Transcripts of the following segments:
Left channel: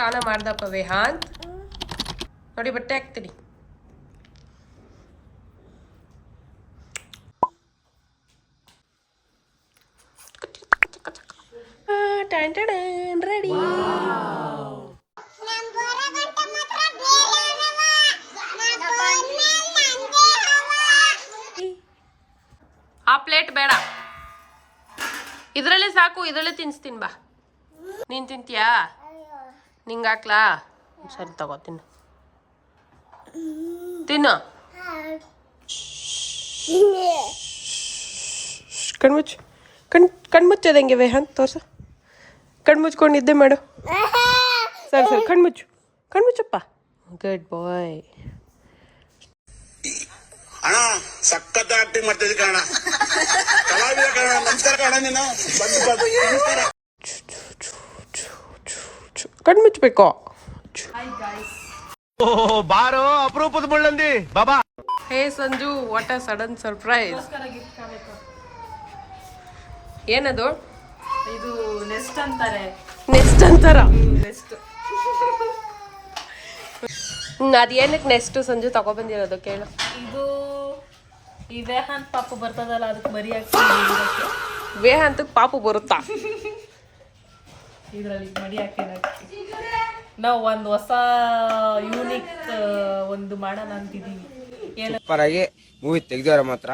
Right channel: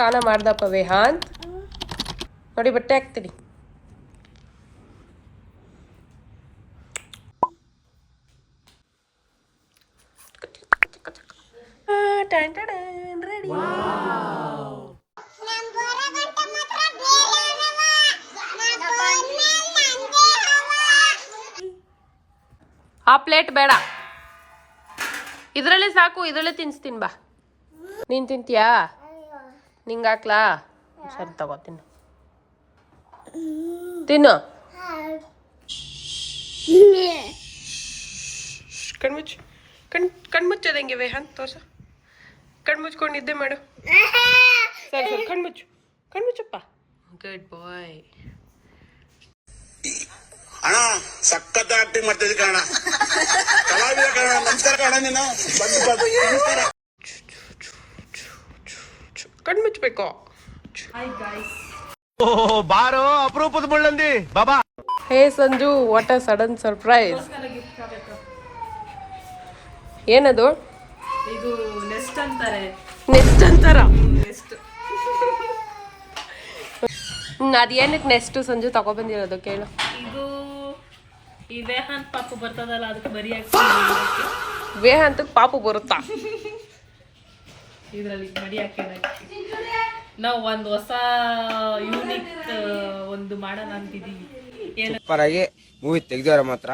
ಸ್ನಾನ ಮಾಡ್ದಪ್ಪ ವೇಹಾಂತ್ ನೋಡಿ ಬಟ್ಟೆ ಹಾಕ್ತೀನಿ. ರೆಡಿ. ಆ ಪ್ಲೇಟ್ ಬೇಡ, ಇದ್ರಲ್ಲೇ ಸಾಕು, ಇದ್ರಲ್ಲೇ ತಿನ್ಸ್ತೀನಿ ಬಾ. ನೀನ್ ತಿಂತೀಯಾ? ನಿಂಗೆ ಹಾಕ್ಲಾ? ಸರಿ ತಗೋ ತಿನ್ನು ತಿನ್ನು. ಕಣ್ಮುಚ್ಚು ಕಣ್ಮುಚ್ಚೋದಂಗೆ ವೇಹಾಂತ್ ತೋರ್ಸು. ಕಣ್ಮುಚ್ಕೊಂಡು ನಿದ್ದೆ ಮಾಡು. ಸರಿ ಸರಿ ಕಣ್ಮುಚ್ಚಪ್ಪ. ಗುಡ್ ಬಾಯ್. ಅಣ್ಣ ಸಖತ್ ಆಕ್ಟಿಂಗ್ ಮಾಡ್ತಿದ್ದೆ ಕಣ. ಕಲಾವಿದ ಕಣ. ನಮಸ್ಕಾರ ಕಣ. ನೀನು ಕಣ್ಮುಚ್ಚಬೇಕು. ಬಾರೋ ಅಪರೂಪದ ಮುಳ್ಳಂದಿ ಬಾಬಾ. ಹೇ Sanju, what a sudden surprise. ಏನದು? ಇದು ನೆಸ್ಟ್ ಅಂತಾರೆ. ನೆಸ್ಟ್ ಅಂತಾರ? ಅದೇನಕ್ಕೆ ನೆಸ್ಟ್ ಸಂಜು ತಗೊಬಂದಿರೋದು ಕೇಳು. ಇದು ಈ ವೇಹಾಂತ್ ಪಾಪು ಬರ್ತದಲ್ಲ, ಅದಕ್ಕೆ ಬರಿ ಹಾಕಿ. ವೇಹಾಂತ್ ಪಾಪು ಬರುತ್ತಾ? ಇದ್ರಲ್ಲಿ ಮಡಿ ಹಾಕಿ ನಾವು ಒಂದು ಹೊಸ ಯೂನಿಕ್ ಒಂದು ಮಾಡೋಣ ಅಂತಿದ್ದೀವಿ. ಸೂಪರ್ ಆಗಿ ಮೂವಿ ತೆಗ್ದವ್ರೆ ಮಾತ್ರ.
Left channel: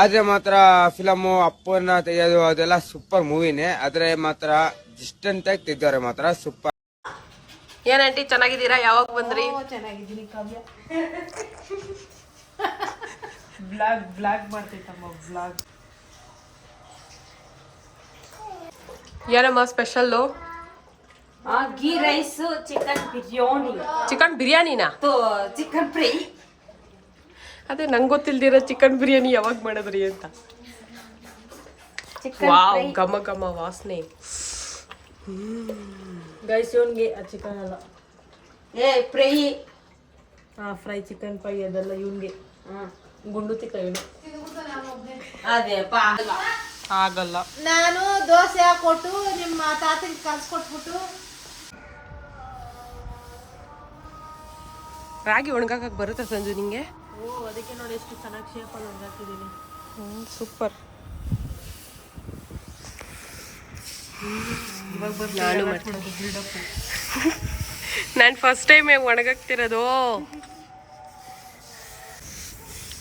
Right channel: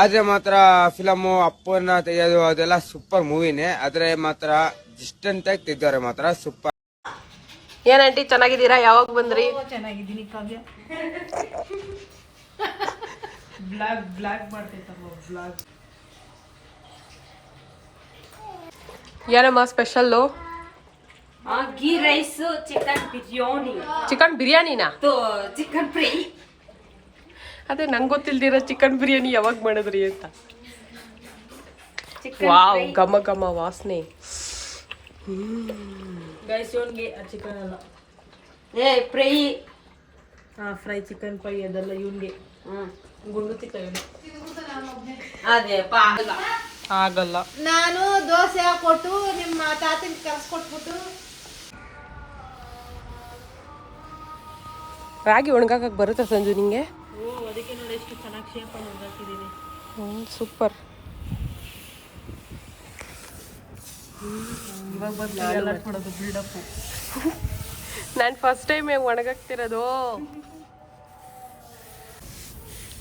ಆದ್ರೆ ಮಾತ್ರ ಫಿಲಮು ಅಪ್ಪನ ತೆಗೆಯೋದು ಅದೆಲ್ಲ ಸೂಪರ್ ಮೂವಿನೇ. ಆದ್ರೆ ಮಾತ್ರ ಡಿಸ್ಟೆಂಟ್ ಆಗಿ ತೆಗ್ದವ್ರೆ ಮಾತ್ರ ಸೂಪರ್. ಏನಂಟಿ ಚೆನ್ನಾಗಿದ್ದೀರಾ? ಯಾವಾಗ ಬಂದ್ರಿ? ಚೆನ್ನಾಗಿದ್ದೀನಿ ಕಾವ್ಯ. ಬ್ಲಾಗ್ ಮಾಡ್ತೈತಮ್ಮ ಬ್ಲಾಗ್. ಏನಮ್ಮ special? Ghee rice, chicken biryani. Chicken ಬಿರಿಯಾನಿನಾ? Chicken fry. ಅದೇ ನಂಗೆ ಗೊತ್ತಿಲ್ದಿರೋ ಚಿಕನ್ ಬಿರಿಯಾನಿ ಯಾವಾಗ ಮಾಡಿದ್ರಿ ಅಂತ. ವಾವ್, ಘಮ ಘಮ ವಾಸನೆ. ಗೈಸ್ ಇವನ್ಗೆ ಆ ಚಿಕನ್ ಅಲ್ಲ, ಫ್ರೈ. ಫ್ರೈ ಚಿಕನ್ ಫ್ರೈ ಅದೆಲ್ಲ ಇವನ್ಗೆ. ಗುಂಡು ತಿಕ್ಕ ಅದೇ ಆಗಲ್ಲ. ನಾನು ದೋಸೆ ಹಾಕೊಟ್ಟು ನಿಮ್ಮ ತಾತಗೆ ಕಲ್ಸ್ಕೊಟ್ಬಿಟ್ಟು ರಾಗಿ ಒಣಗಾಕಕ್ಕೆ ಬರುತ್ತಾ ಸಂಜು ನಿಂಗೆ? ಅದಕ್ಕೆ ನೋಡಿ ಎಷ್ಟು ಚೆನ್ನಾಗಿ ಶೇಪಲ್ಲಿ ಒಣಗಾಕಿದ್ದೀನಿ. ಸೂಪರ್. ನಾನು ಮಾಡ್ತೀನಿ. ನಾನು ಫಸ್ಟ್ ಟೈಮ್ ಒಣಗಾಕ್ತಿರೋದು.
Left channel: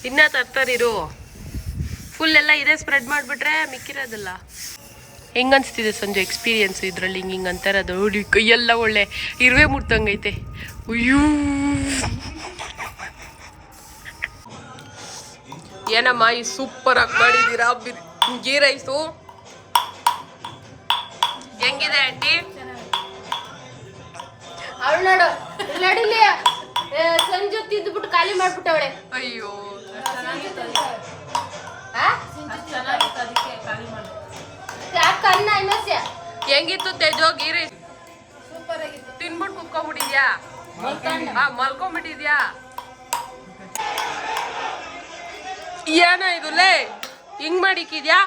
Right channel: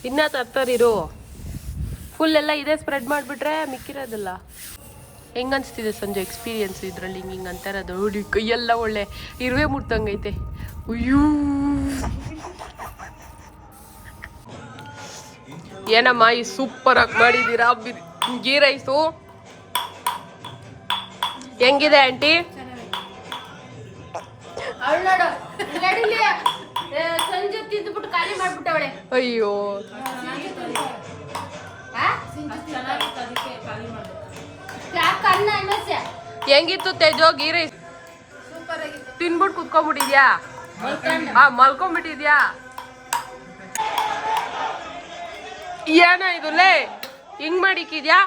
ಇನ್ನ ತರ್ತಾರಿರು. ಫುಲ್ ಎಲ್ಲ ಇದೇ ಸ್ಪ್ರೆಡ್ ಮಾಡಿಬಿಟ್ರೆ ಮಿಕ್ಕಿರೋದಲ್ಲ. ಹೆಂಗ ಅನಿಸ್ತಿದೆ ಸಂಜೆ ಎಕ್ಸ್ಪೀರಿಯನ್ಸ್ ಇದರಲ್ಲಿ? ಹಿಂಗೆ ಅಂತಾರದು ನೋಡಿ, ಕೈಯೆಲ್ಲ ಒಳ್ಳೆ ಇರುವೆ ಮುಟ್ತಂಗೈತೆ. ಅಯ್ಯೂ, ಏನಮ್ಮ ಈ ಸೂಪರ್ ಆಗಿ ಮಾಡಿದ್ದೀರಾ ಗೀ ರೈಸು? ಹೆಂಗಿದೆ ಆಂಟಿ? ಅವಳು ನೋಡು ನಡಿಲಿ ಸಂಜೆ ತಿಂದ್ಬಿಟ್ಟು ಖಾಲಿ ಮಾಡ್ಬಿಟ್ಟವಳೆ. ಅಯ್ಯೋ, ಹೆಂಗಿತ್ತು ತೇಜೋ ಗೀ ರೈಸ್? ತಿನ್ಬಿಟ್ಟು ಕುತ್ಕೊಂಡ್ಬಿಟ್ಟಿದ್ಯಾ? ಮಲ್ಕೊಂಡ್ಬಿಟ್ಟಿದ್ಯಾ? ಏನ ಇದು ಲೇ, ಹಿಂಗ್ ಮಾಡಿಕ್ಕಿದ್ಯಾ?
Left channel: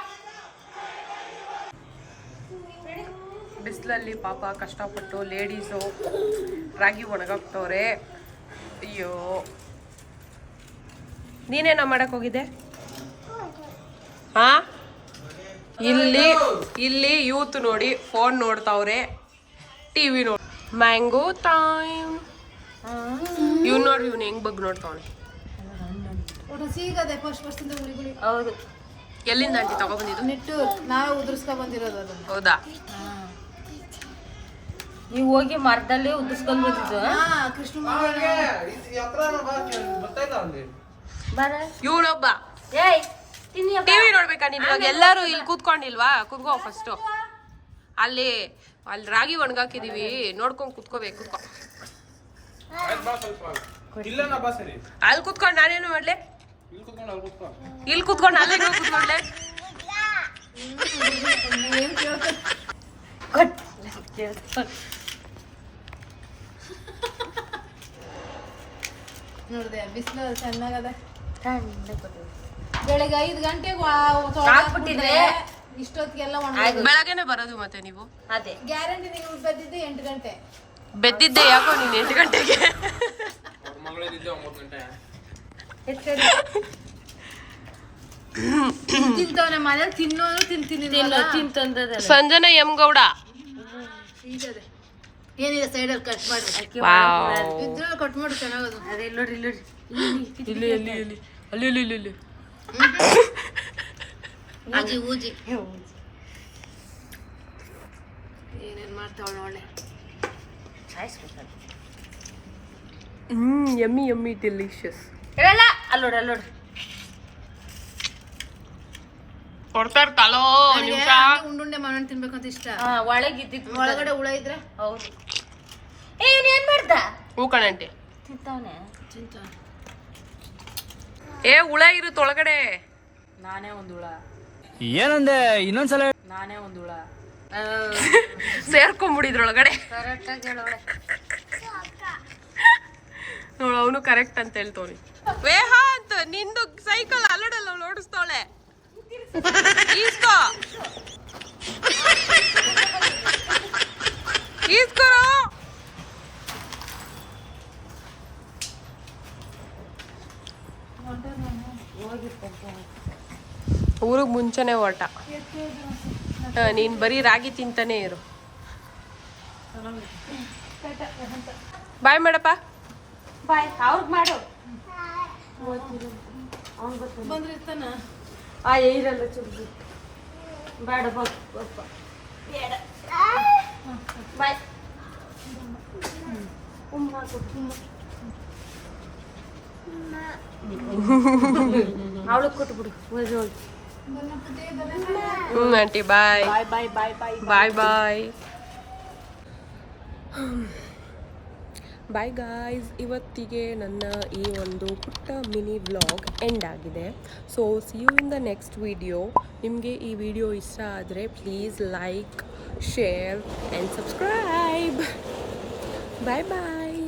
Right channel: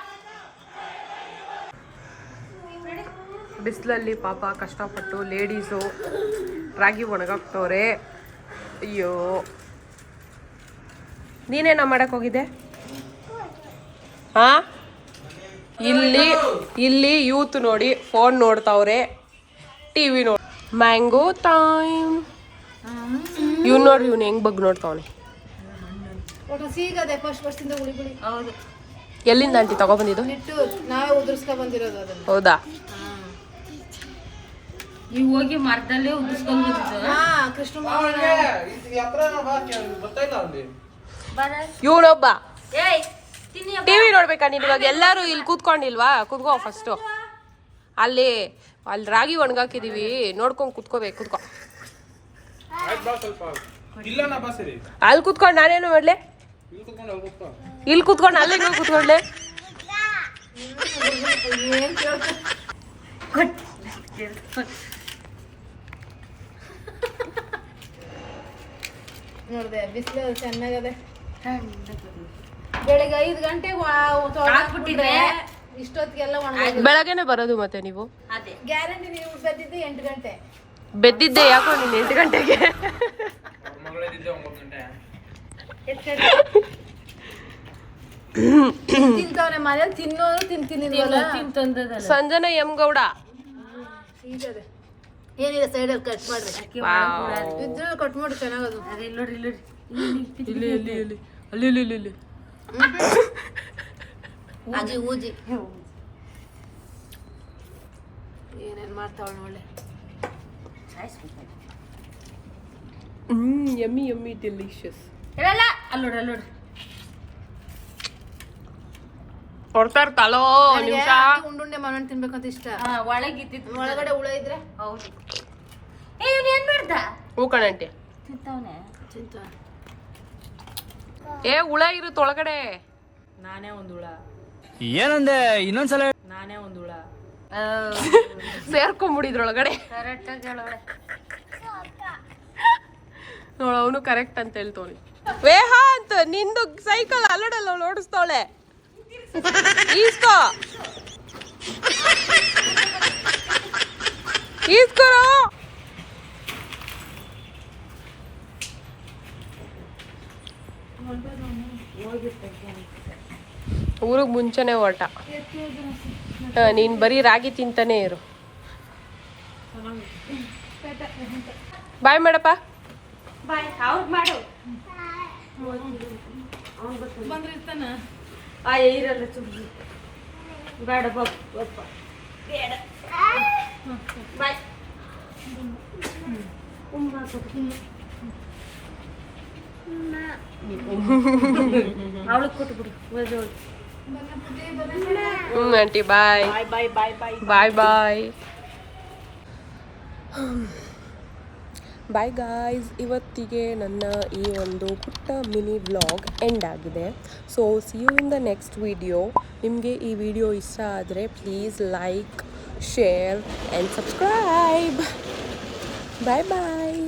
ಬಿಸಿಲಲ್ಲಿ ಪಾಪ ಕಷ್ಟಪಟ್ಟು ಲೇಡೀಸು ರಾಗಿ ಒಣಗಾಕ್ತವ್ರೆ. ಅಯ್ಯೋ, ನೀನೇನ ಮಾಡಕ್ ಹೋಗಿದ್ದೆ? ಹಾ, ಇಲ್ಲಿ ಯೂತ್ ನೋಡಿ ಫೋನ್ ನೋಡ್ತಾವ್ರೆ, ಟಿವಿ ನೋಡಿ. Mango time. ಇವ್ನು ನೋಡ್ರಿ, ಇವ್ನು ಹೆಂಗ್ ಬಗ್ ನೋಡ್ತಾವನೆ. ಸಿಗದೆ ಫಸ್ಟ್ ವರ್ಷದಿಂದ ಗುಳಿಗುಳಿ. ಹೌದು. ಎಲ್ಲಿಂದ ಆಂಟಿ ತಗೊಬಂದಿದ್ದು? ನೆಟ್ಟು ನಾವೇ ಉದುರ್ಸ್ಕೊ ಬಂದಿರೋದು ಅದನ್ನ. ಹೌದಾ? ನೀವು ಹೋಗಿ ಮರದಲ್ಲೇ ಉದಿಸ್ಕೊಂಡ್ ಬಂದಿದ್ದು? ಕೃಷ್ಣ ಇವನೊಬ್ಬ ಟಿವಿ ನೋಡ್ಬೇಕಾ ನೀನ್? ಇವಾಗ ಎಲ್ಲಾರು ಇಲ್ಲಿ ಕೂತ್ಕೊಂಡಿಲ್ವಾ? ಕೂತ್ಕೋ ಫಸ್ಟು. ಅಲ್ಲಿ ರಾಗಿ ಒಣಗಾಕಿದೀವಿ, ನೋಡ್ಕೊಂಡ್ ಕೂತ್ಕೋಬೇಕು. ಕೂತ್ಕೋ. ಅಲ್ಲಿ ಕೂತ್ಕೊಂಡು ನಾನೇನು ಮಾಡ್ಲೆ? ಇಲ್ಲಿ ಕೂತ್ಕೊಂಡು ಅಲ್ಲೇ ನೀವು ಕೂತ್ಕೊಂಡ್ಲೆ? ನೋಡ್ದೆ ಬಿಸಿಲು ಚೆನ್ನಾಗದೆ. ಬೆಳಿಗ್ಗೆ 5 ಗಂಟೆಗೆ ಹಾಕ್ಬಿಟ್ಟಿದ್ರೆ ಇಷ್ಟೊತ್ತಿಗೆಲ್ಲ ಬೆಳಗ್ಗೆನೆ ಬರೋದು ಮತ್ತೆ ನೀವು? ಅದೇ ಗ್ಯಾರಂಟಿ ನೀವು ಬಂದಿದ್ದು 8 ಗಂಟೆ. ಬೆದ್ದಿದ್ದೆ ಯಾಕೋ ನೀನು 8 ಗಂಟೆಗೆ. ತಿಂತವನೆ ಮನೇಲಿ ತಿನ್ನೋದು ತಿಂತೀನಿ ಸಂಜನಾ ಎಂ ಗೌಡ. ಏನಿದೆ ಸೈಡಲ್ಲಿ ಕಟ್ ಮಾಡಿ ವಾವ್. ಇದ್ರಲ್ಲಿ ಕಟ್ ಮಾಡಿ ಚೆನ್ನಾಗದು. ಅದೇ ನೋಡ್ರಿ ನೋಡ್ರಿ ಅಲ್ಲಿ ಊಜಿ ಊಜಿ ಏನೇನ್ ಮಾಡ್ತಾವಳ ನೋಡ್ಲೆ. Yummy yummy delicious. ಹೇಳಲ್ಲ ಅಲ್ಲಿ ನೋಡ್ರಿ ಅಲ್ಲಿ ನೋಡ್ರಿ. ಕೊಡ್ತಾ ಇರ್ತಾಳೋ ನಿಮಿಷ. ಉಂಡುಂಡೆ ಮಾಡೋಣ ತಿನ್ಬೇಕಂತ ಇಷ್ಟ. ಒಳಗಿದ್ದಿತ್ತು ಒಳಗಡೆ ಹುಳ ಇದ್ರೆ ಹೌದು. ಏನ್ ಏನ್ ಮಾಡ್ದ ಹೂ ಕಣಂಟಿ. ತಿಂತವನೆ. ಏ ಹುಳ ಇರುತ್ತೆ ಒಳಗಡೆ. ನಾನೇ ಒಂದು ಹುಳ. ಏನಂದೆ ಇನ್ನೊಂದ್ಸಲ ನಾನೇ ಒಂದು ಹುಳ. ಸೇರ್ಕೊಂಡ್ಬಿಡಿದ್ರೊಳಗಡೆ. ಕರೆಕ್ಟ್ ಆಗಿ ಹೇಳೋಳೆ. ನೋಡು ಅವನು ಕರೆಕ್ಟ್ ಅಂತ ಹೇಳ್ತವನಿ. ವೇಹಾಂತ್ ನಿಂದು ಸೈಕಲ್ ಅಲ್ಲಡಲ್ಲ ಅವಳು ಓಡಿಸ್ತಾವಳೆ. ಈಸ್ಕೋ ಈಸ್ಕೊರೋ. ಊರಿಗೆ ಮುಂಚೆನೆ ಹೊರಟ. ನೀನ್ ಬರೀ ರಾಗಿ ತಿಂತಾನೆ ಇರು. ಬಾಯ್ ಮಾಡಪ್ಪ. ಇರಲ್ಲ ಚುಡ್ಗಿ ಬೇಡ ಬಪ್ಪ ಬೇಡ ಬಾಯ್. ಅವಳಿಗೆ ಕೊಟ್ಬಿಡಿ. Aunty bye bye bye bye bye. Bye bye bye guys. ಇವತ್ತಿಗೆ ನನ್ನ ಈ ಒಂದು ಪುಟ್ಟ ಮಿನಿ ವ್ಲಾಗ್ ಎಂಡ್ ಆಗಿದೆ. So see you in the next video. ನಿಮಗೆ ಈ ವಿಡಿಯೋ ಇಷ್ಟ ಆದರೆ please like, share and subscribe. Bye bye.